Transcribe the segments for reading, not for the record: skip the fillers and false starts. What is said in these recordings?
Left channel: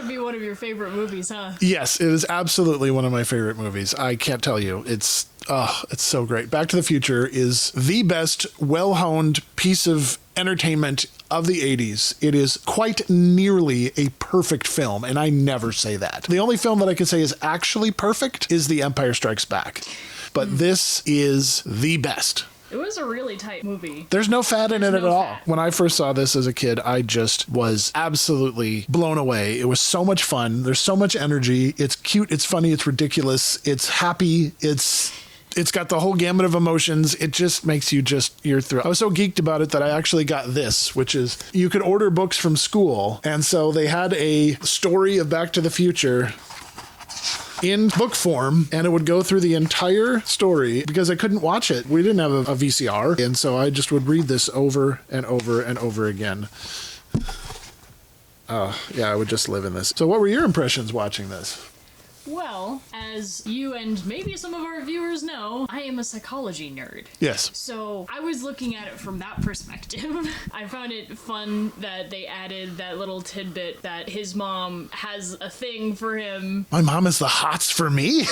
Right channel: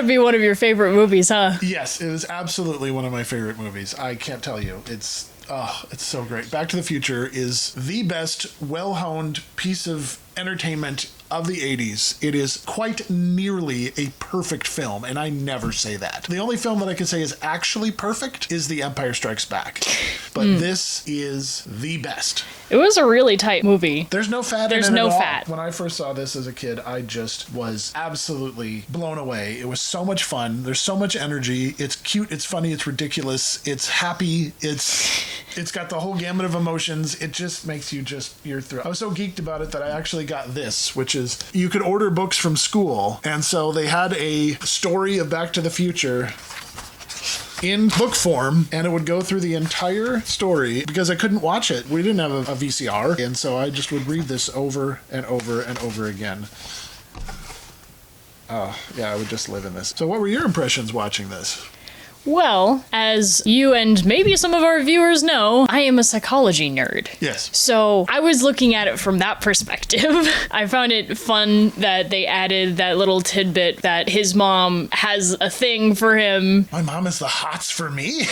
gotta be one of your favorite movies, huh? Yes, it is absolutely one of my favorite movies. I can't tell you. It's so great. Back to the Future is the best, well-honed piece of entertainment of the 80s. It is quite nearly a perfect film, and I never say that. The only film that I can say is actually perfect is The Empire Strikes Back. But this is the best. It was a really tight movie. There's no fat There's in it no at all. fat. When I first saw this as a kid, I just was absolutely blown away. It was so much fun. There's so much energy. It's cute, it's funny, it's ridiculous, it's happy, it's got the whole gamut of emotions. It just makes you you're thrilled. I was so geeked about it that I actually got this, which is you could order books from school. And so they had a story of Back to the Future in book form, and it would go through the entire story because I couldn't watch it. We didn't have a VCR, and so I just would read this over and over and over again. Oh, yeah, I would just live in this. So what were your impressions watching this? Well, as you and maybe some of our viewers know, I am a psychology nerd. Yes. So I was looking at it from that perspective. I found it fun that they added that little tidbit that his mom has a thing for him. My mom is the hots for me.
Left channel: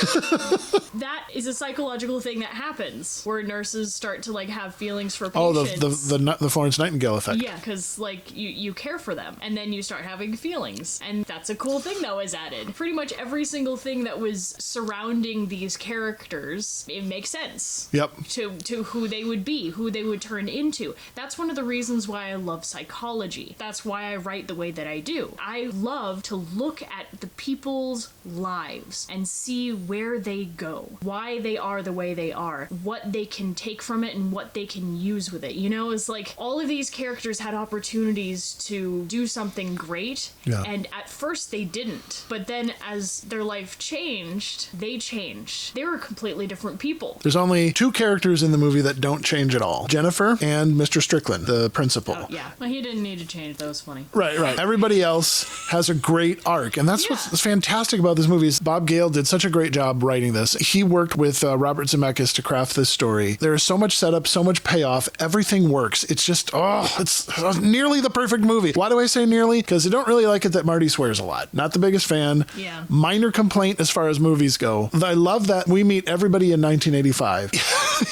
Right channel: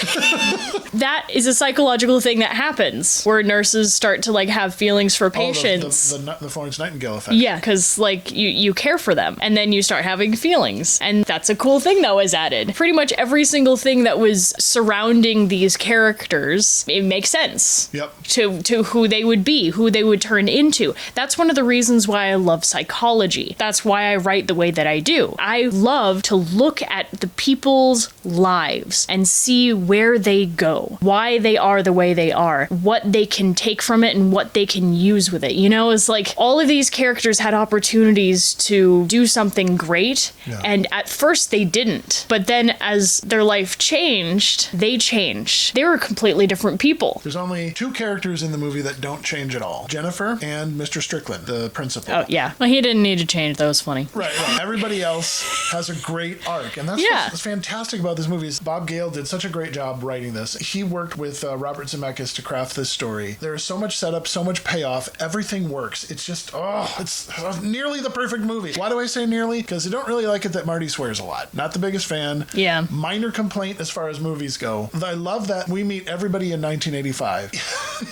That is a psychological thing that happens where nurses start to like have feelings for patients. The Florence Nightingale effect. Yeah, because like you care for them and then you start having feelings. And that's a cool thing that was added. Pretty much every single thing that was surrounding these characters, it makes sense. Yep. To who they would be, who they would turn into. That's one of the reasons why I love psychology. That's why I write the way that I do. I love to look at the people's lives and see where they go, why they are the way they are, what they can take from it and what they can use with it. You know, it's like all of these characters had opportunities to do something great, and at first they didn't. But then as their life changed, they changed. They were completely different people. There's only two characters in the movie that don't change at all. Jennifer and Mr. Strickland, the principal. Oh, yeah. Well, he didn't need to change. That was funny. Right. Everybody else has a great arc. And that's what's fantastic about this movie is Bob Gale did such a great job writing this. He worked with Robert Zemeckis to craft this story. There is so much setup, so much payoff. Everything works. It's just, it's nearly the perfect movie. Why do I say nearly? Because I don't really like it that Marty swears a lot. Not the biggest fan. Yeah. Minor complaint as far as movies go. I love that we meet everybody in 1985.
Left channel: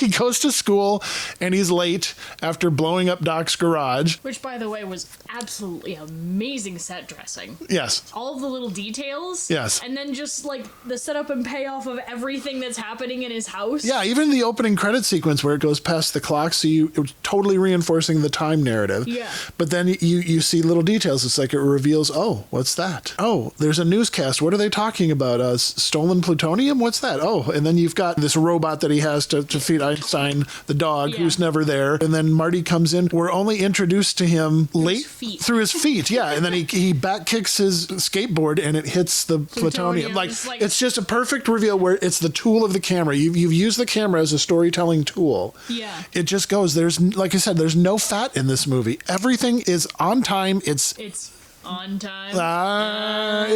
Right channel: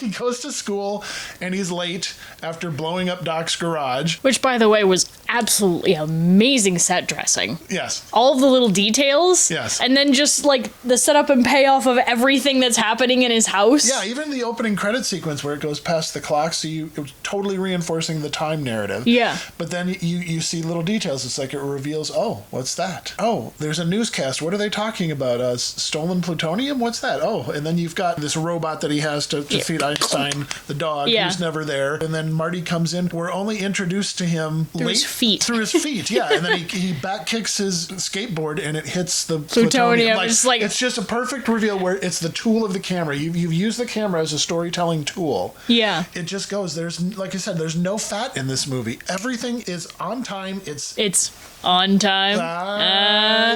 He goes to school and he's late after blowing up Doc's garage. Which, by the way, was absolutely amazing set dressing. Yes. All of the little details. Yes. And then just like the setup and payoff of everything that's happening in his house. Yeah, even the opening credit sequence where it goes past the clock, so it was totally reinforcing the time narrative. Yeah. But then you see little details. It's like it reveals, what's that? Oh, there's a newscast. What are they talking about? Stolen plutonium? What's that? Oh, and then you've got this robot that he has to feed Einstein, the dog, who's never there. And then Marty comes in. We're only introduced to him through his feet. Through his feet, yeah. And then he back kicks his skateboard and it hits the plutonium. It's just a perfect reveal where it's the tool of the camera. You've used the camera as a storytelling tool. Yeah. It just goes. There's, like I said, there's no fat in this movie. Everything is on time. It's on time.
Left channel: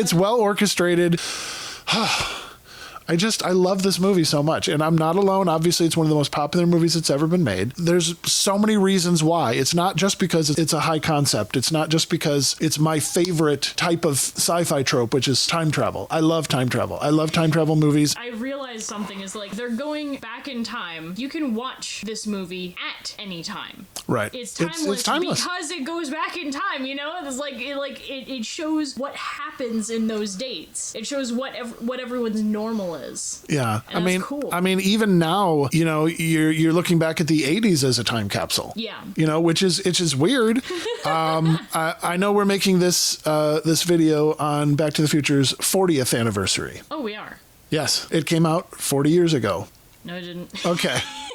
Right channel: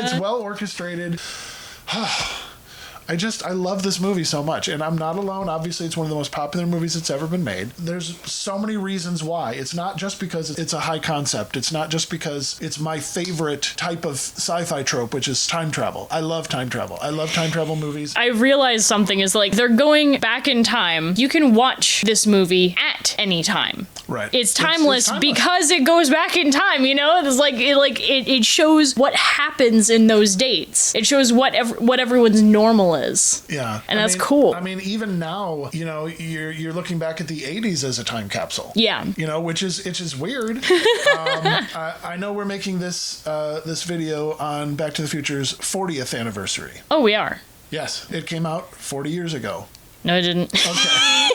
It's well orchestrated. I love this movie so much, and I'm not alone. Obviously, it's one of the most popular movies that's ever been made. There's so many reasons why. It's not just because it's a high concept. It's not just because it's my favorite type of sci-fi trope, which is time travel. I love time travel. I love time travel movies. I realized something is like they're going back in time. You can watch this movie at any time. Right. It's timeless, because it goes back in time, you know? It's like it shows what happens in those dates. It shows what everyone's normal is. Yeah. And that's cool. I mean, even now, you know, you're looking back at the 80s as a time capsule. Yeah. You know, which is weird. I know we're making this video on Back to the Future's 40th anniversary. Oh, we are. Yes. It came out 40 years ago. No, it didn't. Okay.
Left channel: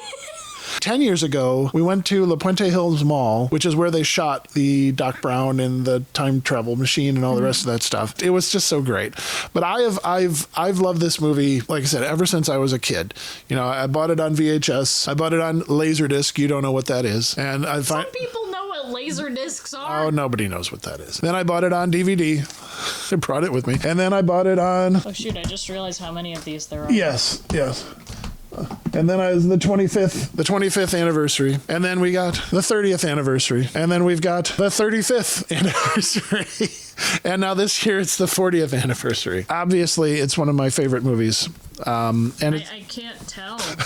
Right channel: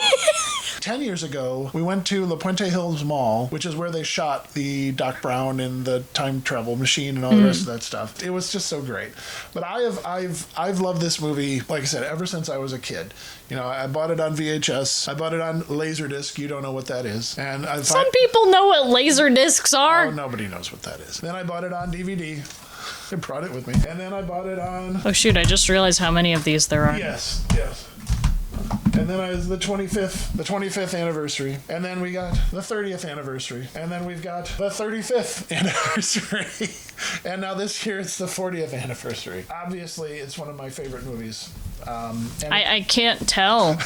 10 years ago, we went to La Puente Hills Mall, which is where they shot the Doc Brown and the time travel machine and all the rest of that stuff. It was just so great. But I've loved this movie, like I said, ever since I was a kid. You know, I bought it on VHS. I bought it on Laserdisc. You don't know what that is. And some people know what laser discs are. Oh, nobody knows what that is. Then I bought it on DVD. I brought it with me. And then I bought it on... Oh, shoot. I just realized how many of these there are. Yes. And then the 25th anniversary. And then we got the 30th anniversary. And then we've got the 35th anniversary. And now this year it's the 40th anniversary. Obviously, it's one of my favorite movies. And I can't tell.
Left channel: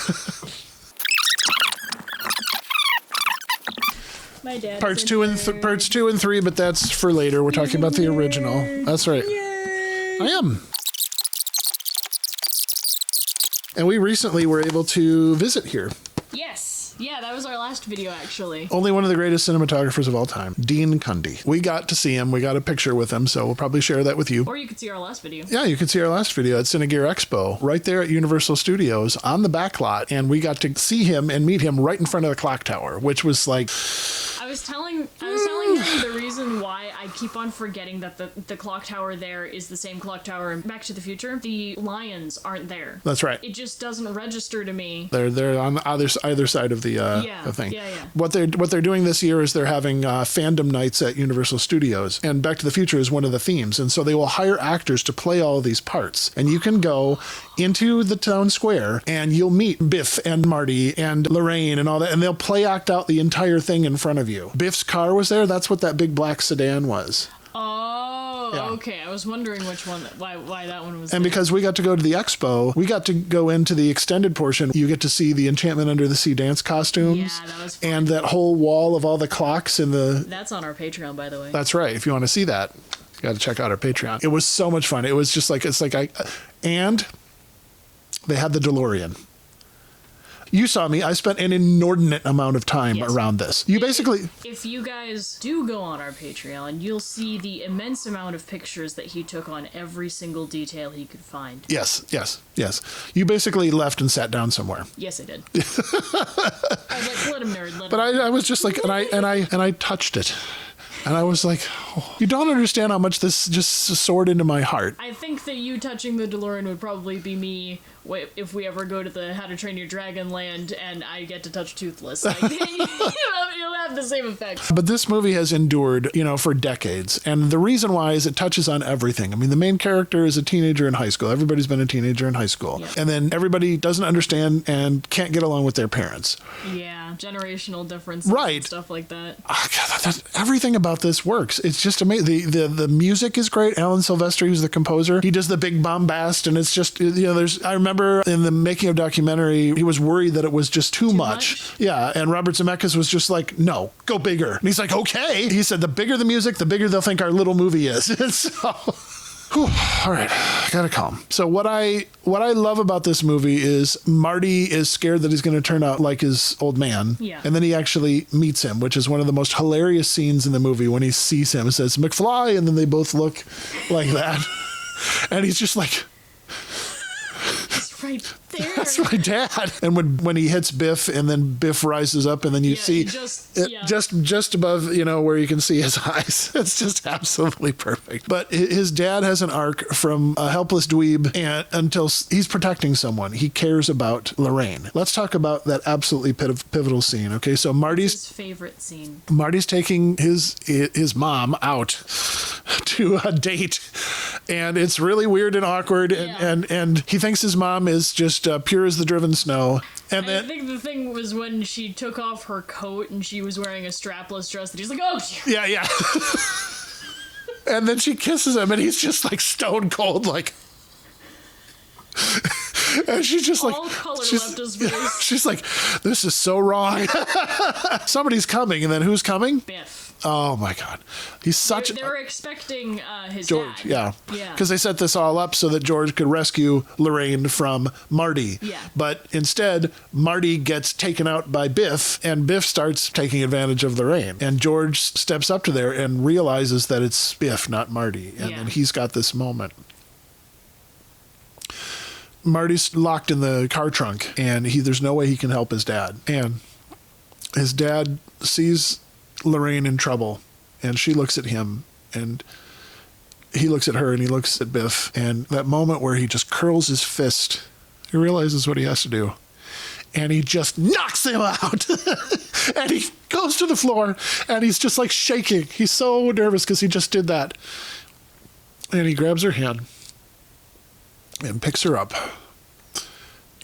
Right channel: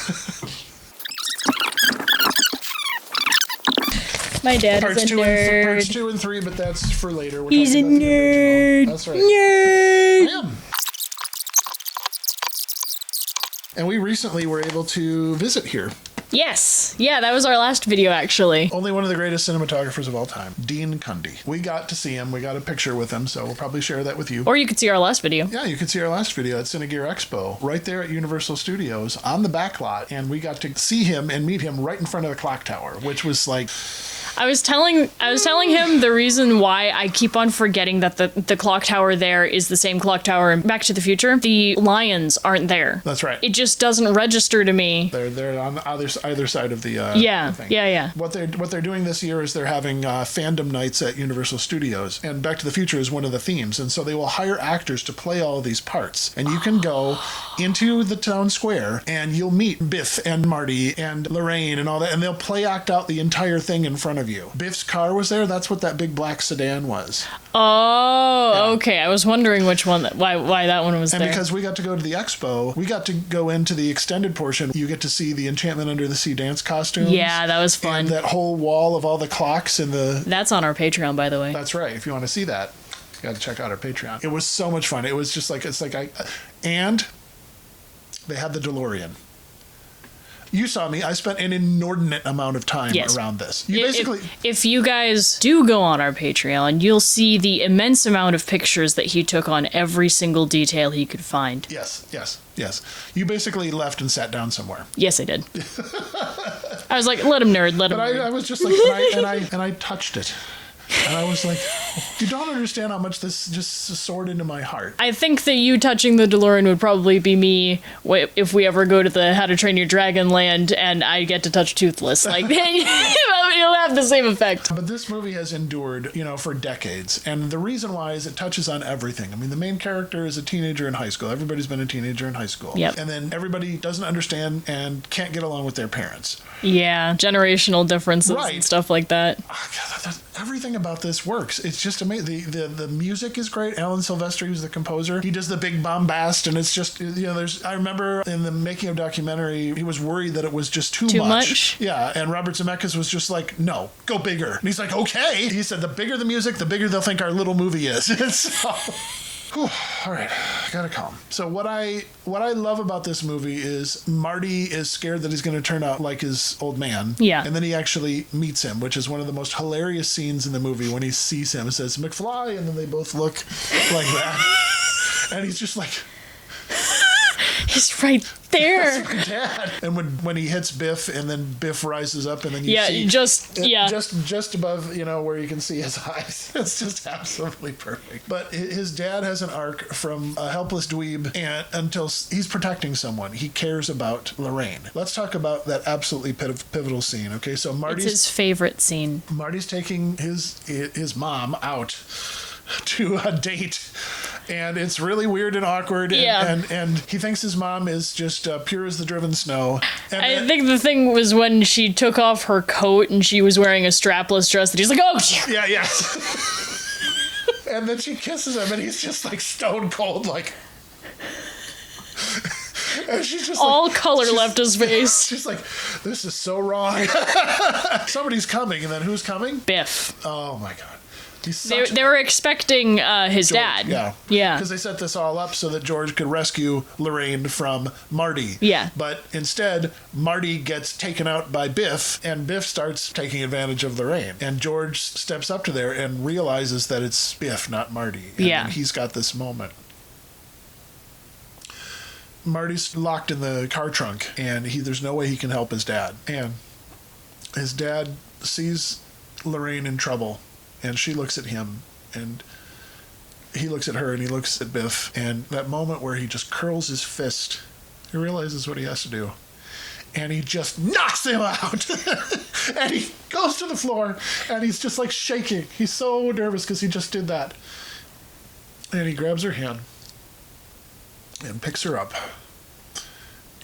My dad parts is a nerd. Parts 2 and 3, but that's for later. We're talking about the original. That's right. Nerd. I am. And we recently were able to visit here. Yes. Yeah, that was our last video, actually. Only one of the greatest cinematographers of all time, Dean Cundy. We got to see him. We got a picture with him, so we'll probably share that with you. Or you could see our last video. Yeah, you can see our last video at Cinegear Expo, right there at Universal Studios on the back lot. And we got to see him and meet him right in front of the clock tower, which was like... I was telling him the reason why I keep on forgetting that the clock tower there is the same clock tower in Back to the Future. The lions aren't there. That's right. It just doesn't register to me. They're on either side of the the thing. Yeah. What they're doing this year is they're having fandom nights at Universal Studios, and Back to the Future is one of the themes, and so they will hire actors to play all of these parts, and you can go into the town square and you'll meet Biff and Marty and Lorraine and all that, and they'll play act out the entire thing in front of you. Biff's car was there. That's what that big black sedan was. Oh, Yeah. Okay. I was wondering which one, why that one was and there. And because we got to go to the expo, we got to go into the extended portion. You get to see the Enchantment Under the Sea dance costumes. Yeah, that was fun. And that whole wall of all the clocks and the... That's on our Patreon, by the way. That's right. If you want to see that, you got to check out our Patreon. It was so much fun. It was just like, and they had the DeLorean. You saw me. I spent an inordinate amount of time around this. If you guys do go on our Patreon, you'll see the immense amount of pictures that he took on every single detail he could find. Yes. You basically left and sat down somewhere. Yes, I did. I was like, let him nerd, let him nerd. But I was just like, and I touched it. And I was like, you don't understand how much this just soared into my heart. I think that you touching the DeLorean would probably be me if we ever go to the How to Train Your Dragon land and I get to touch Toothless. Like, it'll have the same effect. But this movie has endured, for decades. And the reason why is it touches on everything. I mean, the main character is a teenager in high school. Everybody's been a teenager in high school. Yep. And then everybody doesn't understand and can't get along with their parents. Yeah, generational differences and stuff like that. Oh, God, everything about this works. It's just amazing. The music is great. Alan Silvestri, who's the composer, he does the big bombast, and it's just, I remember in the making of documentary, he was worried that it was just too much. Yeah, and Robert Zemeckis was just like, no, go bigger. And he's like, okay. He said, the bigger the music, the bigger they'll think our little movie is. So... Whew, all right, gotta calm. So what I love about this movie is Marty is scared that he's going to turn out like his old man. Yeah. And then he actually meets him, which is one of the most hilarious scenes in the movie when he sees him and says, McFly, and then they both look like that. And he's just like... He's right there. That's my dad. And when he hits Biff, and then Biff rises up, and then you see just above, where you can see his eyes. It's just absolutely perfect. But his dad has an arc from a helpless dweeb until he's protecting someone. He cares about Lorraine. Let's talk about that absolutely pivotal scene. Okay, so Marty's his favorite scene. Marty's taking his mom out to a date, and it's really weird and awkward. And he thinks his mom is just pure as the driven snow. And I think the thing was when she took off her coat and she was wearing a strapless dress that he's like, oh, yeah. And then she kisses him, and he's just like stone cold, like. And she's just all color left his face. She's like, this is so wrong. Somebody's coming, and then who's coming? Biff. Oh my God. He's such they were expecting his George, dad. Yeah. Because they set this all up so that George could rescue Lorraine from Marty. Yeah. But instead, Marty gets taken out by Biff, and Biff starts taking advantage of Lorraine. And George steps up to there and realizes that it's Biff, not Marty. And then he's got this moment. Marty's locked in the car trunk, and there's no way he can help his dad. And his dad sees Lorraine in trouble, and she looks at him, and he looks at her, and he looks at Biff. And that moment where he just curls his fist, he realizes what he has to do. And he just knocks him out. And he goes to the floor, and he's just like shaking. He's so nervous because he just did that. And he grabs her hand and picks her up,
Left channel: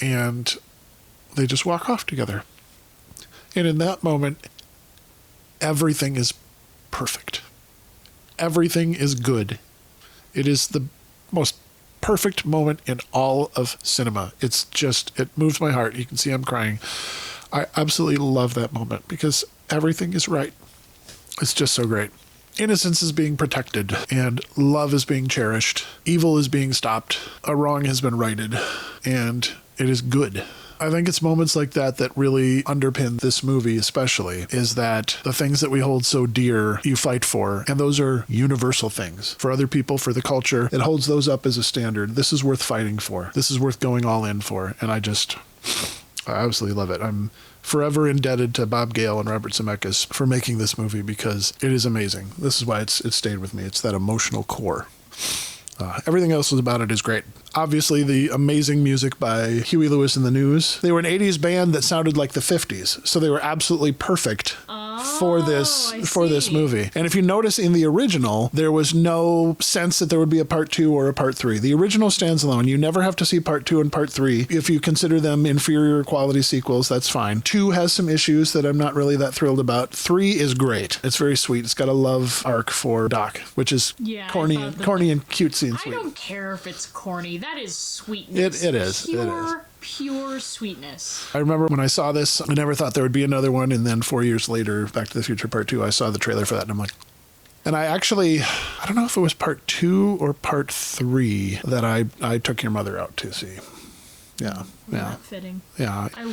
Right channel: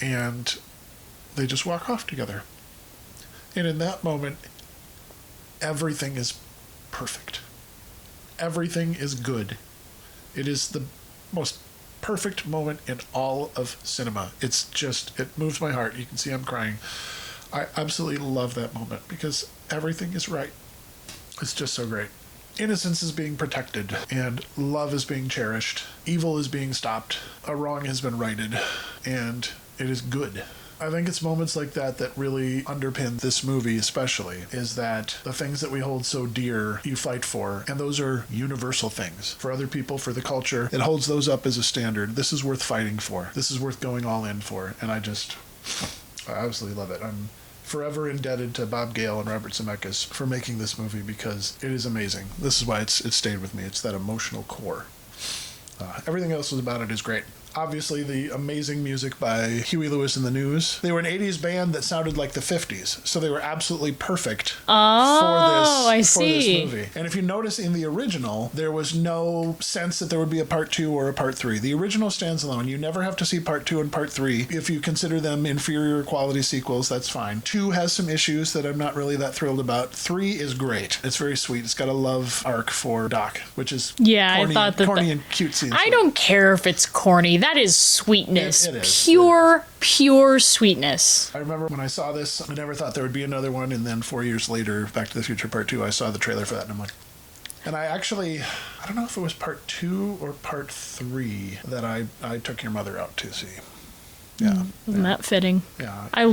and they just walk off together. And in that moment, everything is perfect. Everything is good. It is the most perfect moment in all of cinema. It's just, it moves my heart. You can see I'm crying. I absolutely love that moment because everything is right. It's just so great. Innocence is being protected and love is being cherished. Evil is being stopped. A wrong has been righted and it is good. I think it's moments like that that really underpin this movie especially, is that the things that we hold so dear, you fight for, and those are universal things. For other people, for the culture, it holds those up as a standard. This is worth fighting for. This is worth going all in for. And I absolutely love it. I'm forever indebted to Bob Gale and Robert Zemeckis for making this movie because it is amazing. This is why it stayed with me. It's that emotional core. Everything else about it is great. Obviously, the amazing music by Huey Lewis and the News. They were an 80s band that sounded like the 50s, so they were absolutely perfect for this movie. And if you notice in the original, there was no sense that there would be a part 2 or a part 3. The original stands alone. You never have to see part 2 and part 3. If you consider them inferior quality sequels, that's fine. 2 has some issues that I'm not really that thrilled about. 3 is great. It's very sweet. It's got a love arc for Doc, which is corny and cutesy. I don't care if it's corny. That is sweetness. It is. Pure sweetness. I remember when I saw this, I never thought there would be another one. And then 4 years later, Back to the Future Part 2, I saw the trailer for that and I'm like, and I don't know if it was part 2 or part 3 that I took your mother out to see. Yeah. Isn't that fitting? Yeah. I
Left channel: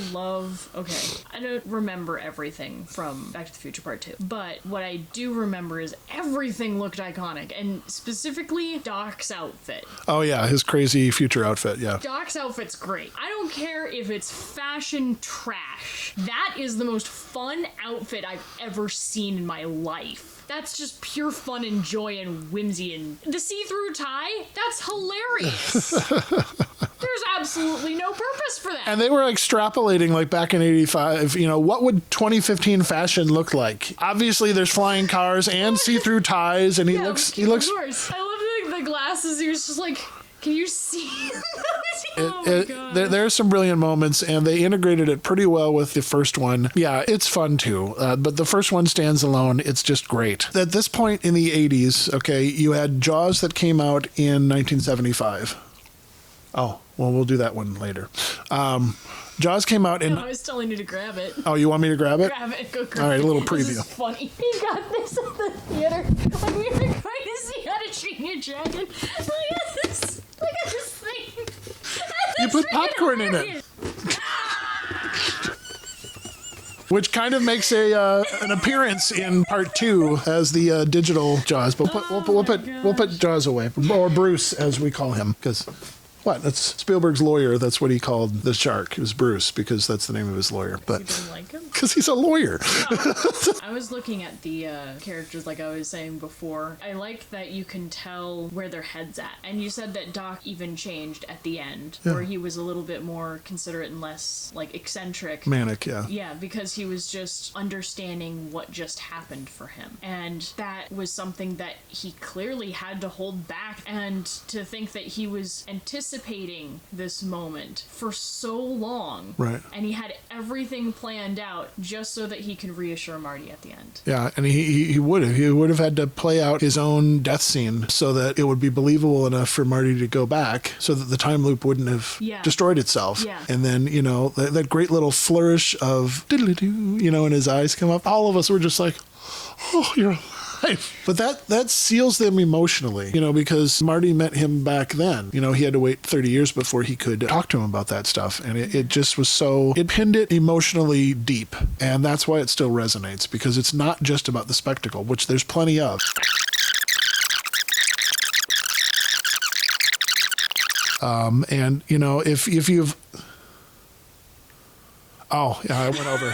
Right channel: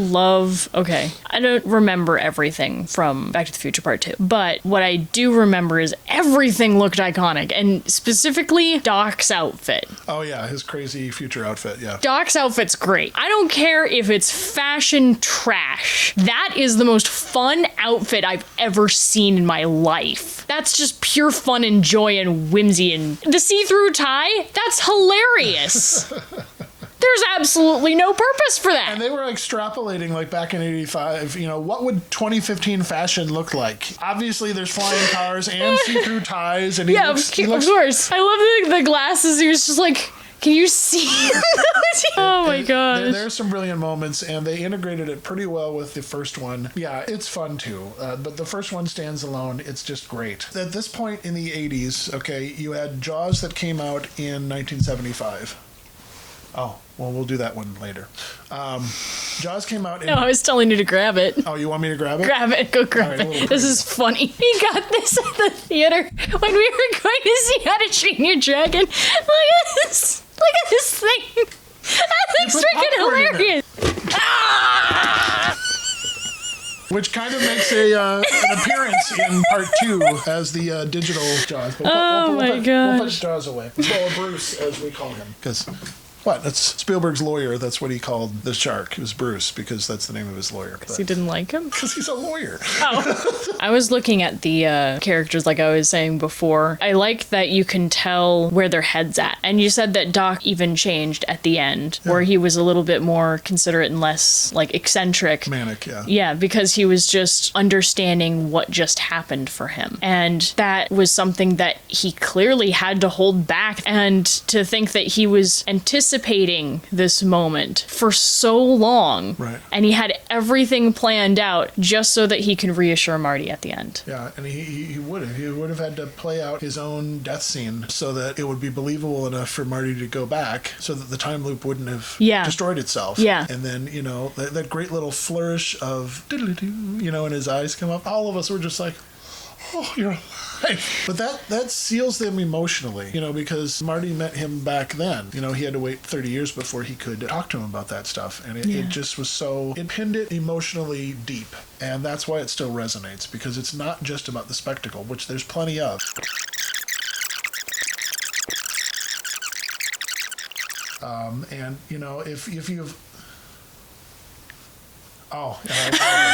don't remember everything from Back to the Future Part 2, but what I do remember is everything looked iconic, and specifically Doc's outfit. Oh, yeah, his crazy future outfit, yeah. Doc's outfit's great. I don't care if it's fashion trash. That is the most fun outfit I've ever seen in my life. That's just pure fun and joy and whimsy, and the see-through tie, that's hilarious. There's absolutely no purpose for that. And they were extrapolating like back in 85, what would 2015 fashion look like? Obviously there's flying cars and see-through ties and he looks of course. I love the glasses. He was just like, can you see? Oh my god. There are some brilliant moments and they integrated it pretty well with the first one. Yeah, it's fun too. But the first one stands alone. It's just great. At this point in the 80s, okay, you had Jaws that came out in 1975. Oh, well, we'll do that one later. Jaws came out in... No, I was telling you to grab it. Oh, you want me to grab it? Grab it. Go grab it. This is funny. We got this at the theater when we were going to see How to Train Your Dragon. Look at this. Look at this thing. That's freaking hilarious. Ah! Which kind of makes an appearance in part 2 as the digital Jaws. But we'll put Jaws away. Or Bruce, as we call him. Because... What? That's Spielberg's lawyer. That's what he called the shark. It was Bruce because that's the name of his lawyer. Because he didn't like him? Because he's a lawyer. Oh. I was looking at the characters like I was saying before. I like that you can tell where their head's at. And you said that Doc even changed at the end, where he was a little bit more considerate and less like eccentric. Manic, yeah. Yeah, because he was just understanding what just happened for him. And that was something that he clearly had to hold back. And to think that he was anticipating this moment for so long. Right. And he had everything planned out just so that he can reassure Marty at the end. Yeah, and he would have. He would have had to play out his own death scene so that it would be believable enough for Marty to go back so that the time loop wouldn't have destroyed itself. Yeah. And then, that great little flourish of diddly-doo, and his eyes come up. All of us were just like, oh, you're alive. But that seals them emotionally, because Marty met him back then. He had to wait 30 years before he could talk to him about that stuff. And it just was it pinned it emotionally deep. And that's why it still resonates, because it's not just about the spectacle, which there's plenty of. And, if you've... Oh, yeah, I went over.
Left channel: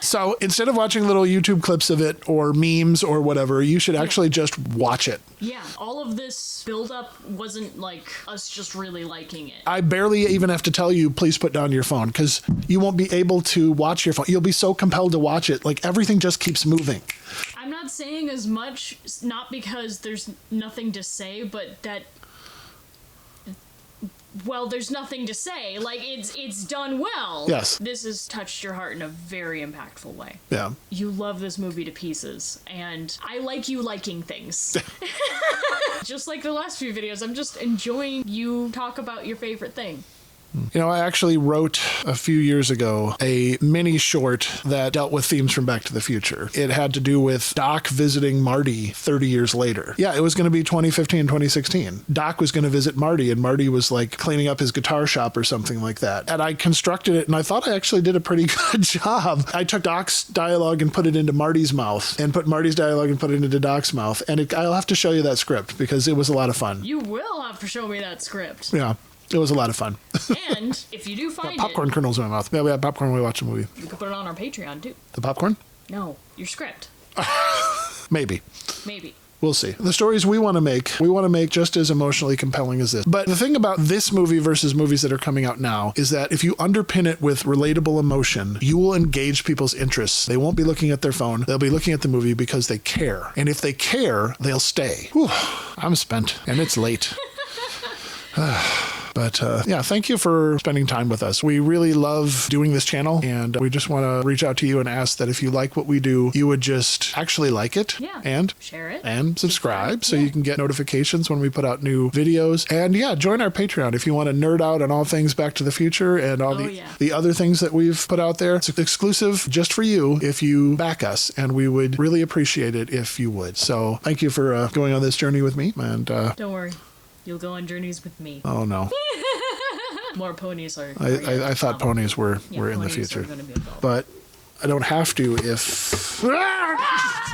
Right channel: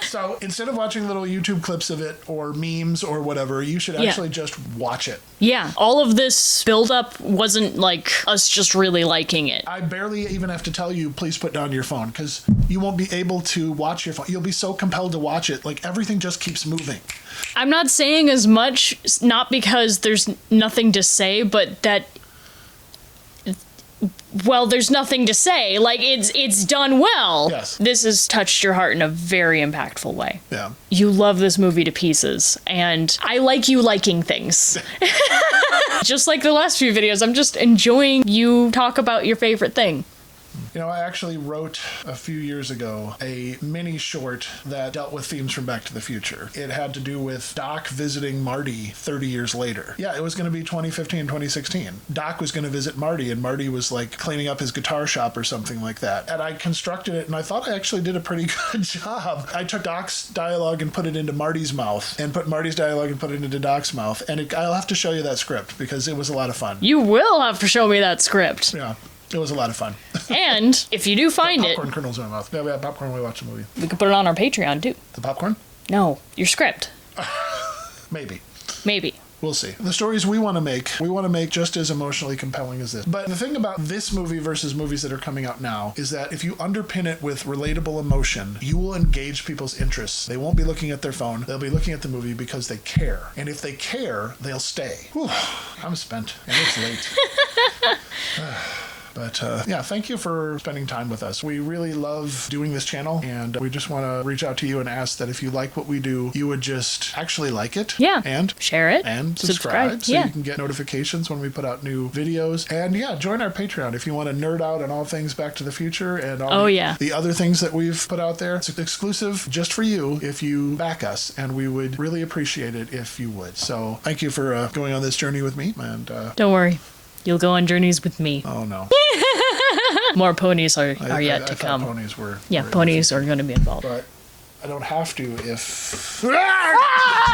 So instead of watching little YouTube clips of it or memes or whatever, you should actually just watch it. Yeah. All of this buildup wasn't like us just really liking it. I barely even have to tell you, please put down your phone, because you won't be able to watch your phone. You'll be so compelled to watch it. Like everything just keeps moving. I'm not saying as much, not because there's nothing to say, but that well, there's nothing to say. Like, it's done well. Yes. This has touched your heart in a very impactful way. Yeah. You love this movie to pieces, and I like you liking things. Just like the last few videos, I'm just enjoying you talk about your favorite thing. You know, I actually wrote a few years ago a mini short that dealt with themes from Back to the Future. It had to do with Doc visiting Marty 30 years later. Yeah, it was going to be 2015, 2016. Doc was going to visit Marty, and Marty was like cleaning up his guitar shop or something like that. And I constructed it, and I thought I actually did a pretty good job. I took Doc's dialogue and put it into Marty's mouth, and put Marty's dialogue and put it into Doc's mouth. And I'll have to show you that script because it was a lot of fun. You will have to show me that script. Yeah. It was a lot of fun. And if you do find popcorn kernels in my mouth. Yeah, we had popcorn when we watched the movie. we could put it on our Patreon too. The popcorn? No, your script. Maybe. Maybe. We'll see. The stories we want to make just as emotionally compelling as this. But the thing about this movie versus movies that are coming out now is that if you underpin it with relatable emotion, you will engage people's interests. They won't be looking at their phone. They'll be looking at the movie because they care. And if they care, they'll stay. Whew, I'm spent, and it's late. But yeah, thank you for spending time with us. We really love doing this channel, and we just want to reach out to you and ask that if you like what we do, you would just actually like it. Yeah. And share it. And subscribe so yeah. you can get notifications when we put out new videos. And yeah, join our Patreon if you want to nerd out on all things Back to the Future and all the other things that we've put out there. It's exclusive just for you if you back us, and we would really appreciate it if you would. So thank you for going on this journey with me. And don't worry. You'll go on journeys with me. Oh, no. More ponies are yet to I thought come. ponies were. Yeah, were ponies in the are going to be involved. But I don't have to if.